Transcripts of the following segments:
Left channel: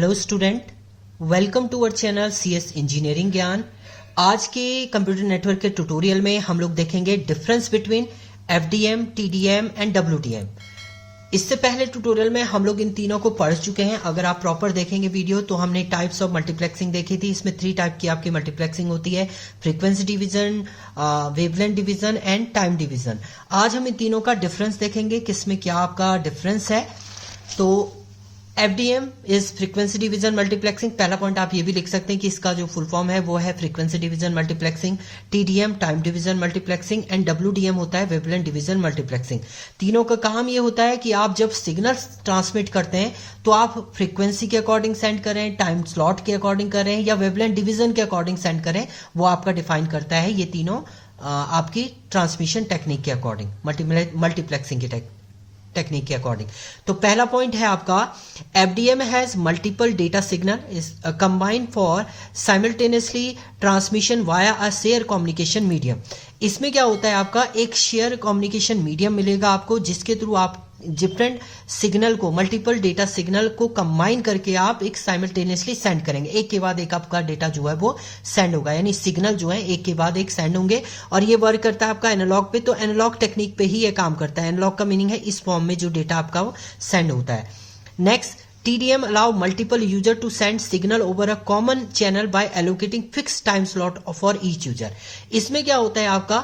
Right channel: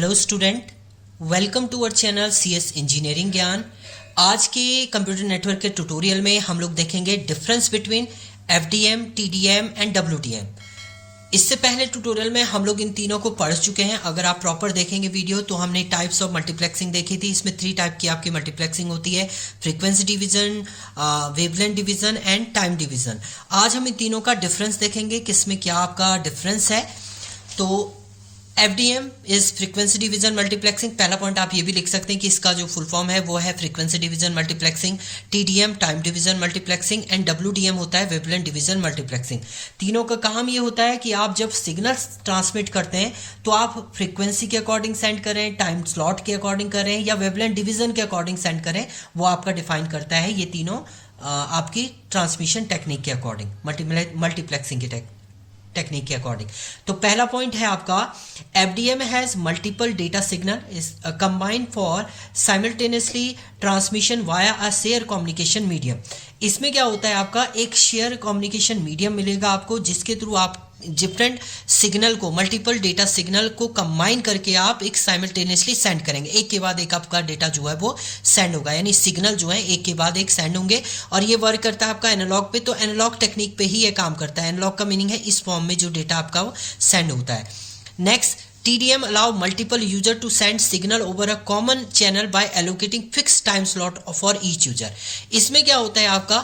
Hello student, welcome to our channel CS engineering Gyan. आज के computer network के tutorial में हम लोग देखेंगे difference between FDM, TDM and WDM. इससे पहले ट्यूटोरियल में हम लोग इन तीनों को पढ़ चुके हैं। अगर आप प्रॉपर देखेंगे वीडियो तो हमने टाइप्स ऑफ मल्टीप्लेक्सिंग देखी थी। इसमें 3 टाइप की आपकी मल्टीप्लेक्सिंग होती है, frequency division, wavelength division and time division. आज हम इन तीनों का डिफरेंस देखेंगे, किसमें क्या आपका डिफरेंस है। तो FDM is frequency division multiplexing. पहला पॉइंट आप ये भी लिख सकते हैं कि इसका जो फुल फॉर्म है वो है frequency division multiplexing. TDM time division multiplexing and WDM होता है वेवलेंथ डिवीजन मल्टीप्लेक्सिंग। तीनों का काम ये होता है कि आप जब सिग्नल ट्रांसमिट करते हैं तो आप फ्रीक्वेंसी के अकॉर्डिंग सेंड करें, टाइम स्लॉट के अकॉर्डिंग करें या वेवलेंथ डिवीजन के अकॉर्डिंग सेंड करें, वो आपका डिफाइन करता है ये तीनों आपकी ट्रांसमिशन टेक्निक के अकॉर्डिंग, मल्टीप्लेक्सिंग की टेक्निक के अकॉर्डिंग। तो पहला पॉइंट है आपका FDM has multiple data signal is combined for simultaneously transmission via a share communication medium. इसमें क्या होता है, आपका एक शेयर कम्युनिकेशन मीडियम मिलेगा आपको, जिसके थ्रू आप डिफरेंट सिग्नल को, मल्टीपल डेटा सिग्नल को कंबाइन करके आप एक साइमल्टेनियसली सेंड करेंगे। एक के बाद एक आपका डेटा जो है वो सेंड होगा, यानी सिग्नल जो है एक के बाद एक सेंड होंगे। और ये वर्क करता है आपका एनालॉग पे, तो एनालॉग टेक्निक पे ही ये काम करता है। एनालॉग का मीनिंग है इस फॉर्म में जो डेटा आपका वो सेंड होता है। Next, TDM allow multiple user to send signal over a common channel by allocating fixed time slot for each user। इसमें क्या होता है, आपका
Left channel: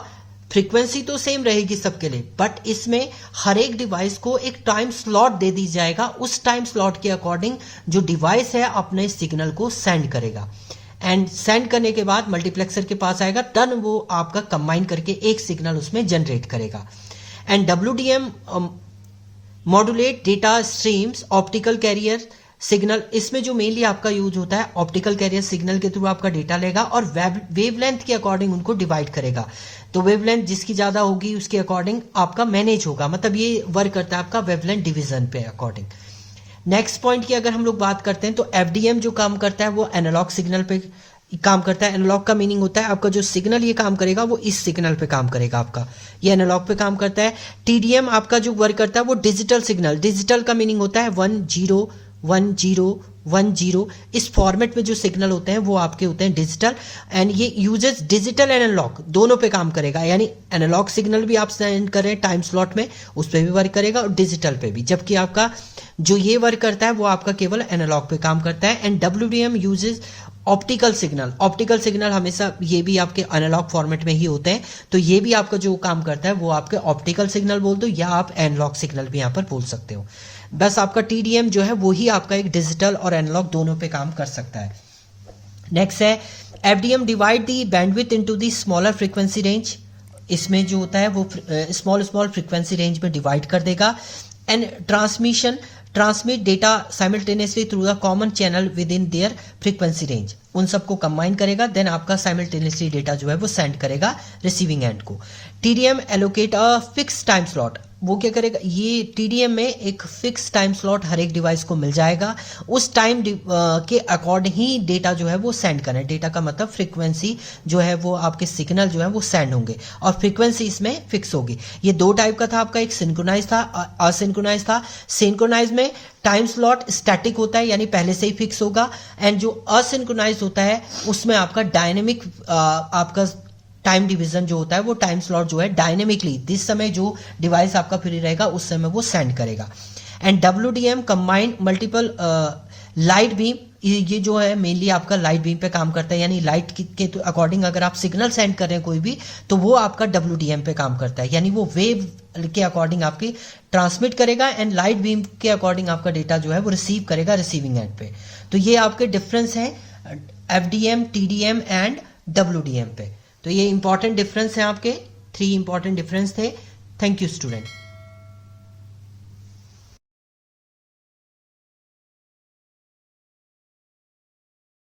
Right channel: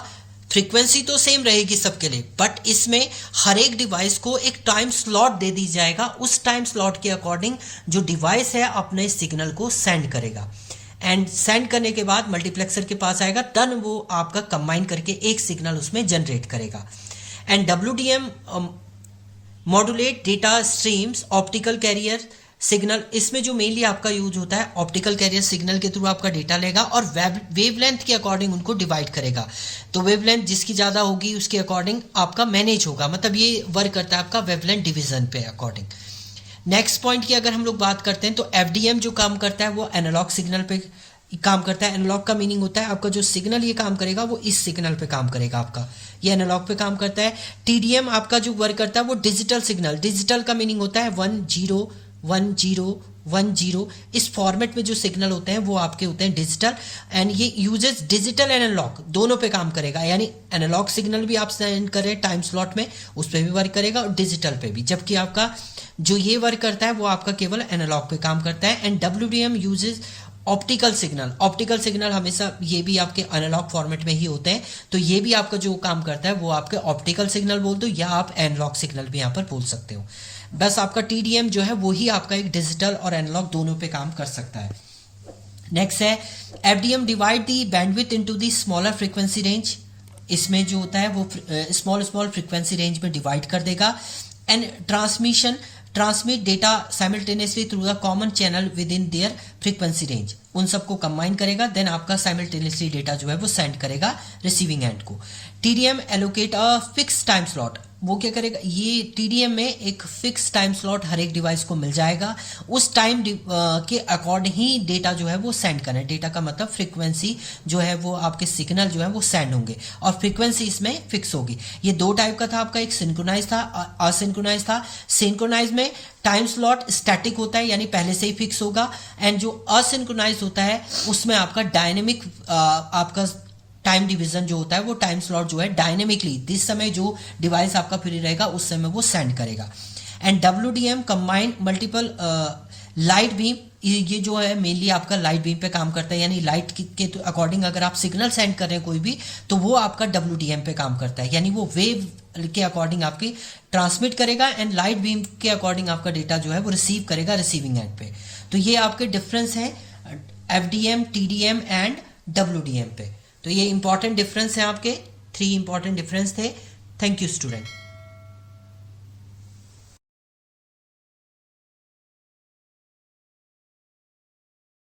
फ्रीक्वेंसी तो सेम रहेगी सबके लिए, बट इसमें हर एक डिवाइस को एक टाइम स्लॉट दे दी जाएगा। उस टाइम स्लॉट के अकॉर्डिंग जो डिवाइस है अपने सिग्नल को सेंड करेगा, एंड सेंड करने के बाद मल्टीप्लेक्सर के पास आएगा, तब वो आपका कंबाइन करके एक सिग्नल उसमें जनरेट करेगा। And WDM modulate data streams optical carrier signal. इसमें जो मेनली आपका यूज होता है, ऑप्टिकल कैरियर सिग्नल के थ्रू आपका डेटा लेगा और वेवलेंथ के अकॉर्डिंग उनको डिवाइड करेगा। तो वेवलेंथ जिसकी ज़्यादा होगी उसके अकॉर्डिंग आपका मैनेज होगा, मतलब ये वर्क करता है आपका वेवलेंथ डिवीजन पे अकॉर्डिंग। नेक्स्ट पॉइंट की अगर हम लोग बात करते हैं तो FDM जो काम करता है वो एनालॉग सिग्नल पे काम करता है। एनालॉग का मीनिंग होता है आपका जो सिग्नल ये काम करेगा वो इस सिग्नल पे काम करेगा, आपका ये एनालॉग पे काम करता है। TDM आपका जो वर्क करता है वो डिजिटल सिग्नल। डिजिटल का मीनिंग होता है 1 0 1 0 1 0। इस फॉर्मेट में जो सिग्नल होते हैं वो आपके होते हैं डिजिटल, एंड ये यूजेस डिजिटल एंड एनालॉग दोनों पे काम करेगा। यानी एनालॉग सिग्नल भी आप सेंड कर रहे हैं टाइम स्लॉट में, उस पर भी वर्क करेगा और डिजिटल पे भी, जबकि आपका जो ये वर्क करता है वो आपका केवल एनालॉग पे काम करता है। And WDM uses optical signal. Optical signal हमेशा ये भी आपके एनालॉग फॉर्मेट में ही होते हैं, तो ये भी आपका जो काम करता है वो आपके ऑप्टिकल सिग्नल बोल दो या आप एनालॉग सिग्नल भी यहाँ पर बोल सकते हो। बस आपका TDM जो है वो ही आपका एक डिजिटल और एनालॉग दोनों पे काम कर सकता है। नेक्स्ट है FDM divide the bandwidth into the smaller frequency range. इसमें जो होता है वो स्मॉल फ्रीक्वेंसी रेंज में डिवाइड कर देगा। And transmit data simultaneously through the common channel with in their frequency range. उन सबको कंबाइन करेगा, देन आपका साइमल्टेनियसली डेटा जो है वो सेंड करेगा रिसीविंग एंड को। TDM allocate a fix time slot. वो क्या करेगा, ये TDM में एक फिक्स टाइम स्लॉट हर एक डिवाइस को मिल जाएगा, उस टाइम के अकॉर्डिंग ही डेटा जो है वो सेंड करें। डेटा का मतलब फ्रीक्वेंसी जो है वो आपके सिग्नल जो है वो सेंड होंगे और फ्रीक्वेंसी इसमें फिक्स होगी। ये 2 टाइप का था, आपका एक सिंक्रोनाइज था, असिंक्रोनाइज था। सिंक्रोनाइज में टाइम स्लॉट स्टैटिक होता है, यानी पहले से ही फिक्स होगा, एंड जो असिंक्रोनाइज होता है उसमें आपका डायनेमिक आपका टाइम डिवीजन जो होता है वो टाइम स्लॉट जो है डायनेमिकली जिस समय जो डिवाइस आपका फ्री रहेगा उस समय वो सेंड करेगा। And WDM combined multiple light beam. ये जो है मेनली आपका लाइट बीम पे काम करता है, यानी लाइट के अकॉर्डिंग अगर आप सिग्नल सेंड कर रहे हैं कोई भी तो वो आपका WDM पे काम करता है, यानी वो वेव के अकॉर्डिंग आपके ट्रांसमिट करेगा एंड लाइट बीम के अकॉर्डिंग आपका डेटा जो है वो रिसीव करेगा रिसीविंग एंड पे। तो ये आपके डिफरेंस है FDM, TDM एंड WDM पे। तो ये इंपॉर्टेंट डिफरेंस है, आपके 3 इंपॉर्टेंट डिफरेंस थे। Thank you student.